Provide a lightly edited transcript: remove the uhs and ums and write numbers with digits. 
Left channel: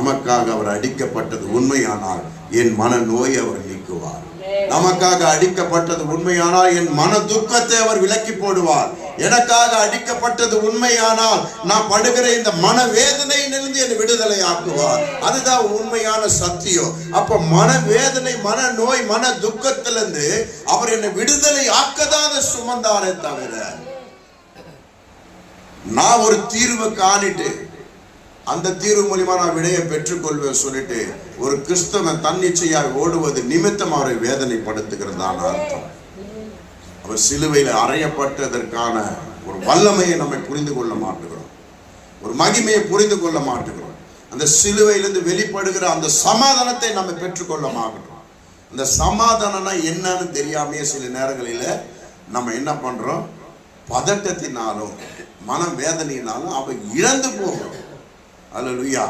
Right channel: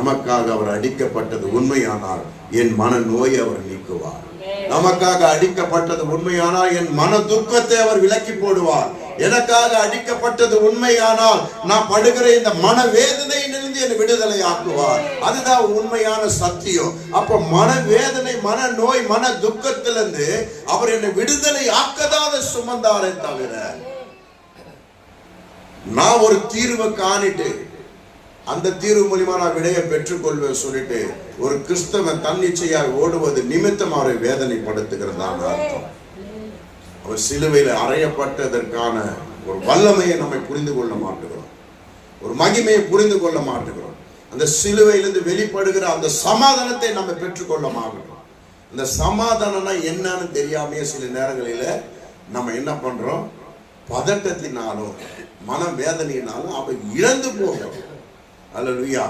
நமக்காக அவர் அடிக்கப்பட்டது உண்மையானால் என் மன நோயை அவர் நீக்குவார். நமக்காக அடிக்கப்பட்டது உண்மையானால் என் மன துக்கத்தை அவர் விலக்கி போடுவார். எனக்காக அடிக்கப்பட்டது உண்மையானால் நான் படுகிற இந்த மன வேதனையிலிருந்து என்னை விடுதலை ஆக்குவார். அதுதான் உண்மையான சத்தியம். அப்ப மன வேதனை, மன நோய், மன துக்கத்திலிருந்து அவர் என்னை விடுதலை ஆக்கதான் சுமந்தாரே தவிர நான் ஒரு தீர்வை காணிட்டு அந்த தீர்வு மூலியமா நான் விடையை பெற்றுக்கொள்வேன் சொல்லிட்டு ஒரு கிறிஸ்தவன் தன்னிச்சையாக ஓடுவது நிமித்தம் அவரை வேதனைப்படுத்துகிறதான அர்த்தம். அவர் சிலுவையில் அறையப்பட்டதற்கான ஒரு வல்லமையை நம்ம புரிந்து கொள்ள மாட்டேங்கிறோம், ஒரு மகிமையை புரிந்து கொள்ள மாட்டேங்கிறோம். அந்த சிலுவையிலிருந்து வெளிப்படுகிற அந்த சமாதானத்தை நம்ம பெற்றுக்கொள்ள மாட்டோம். அந்த சமாதானம்னா என்னன்னு தெரியாமையே சில நேரங்களில நம்ம என்ன பண்றோம், பதட்டத்தினாலும் மன வேதனையினாலும் அவ இழந்து போகிறோம். அல்லேலூயா.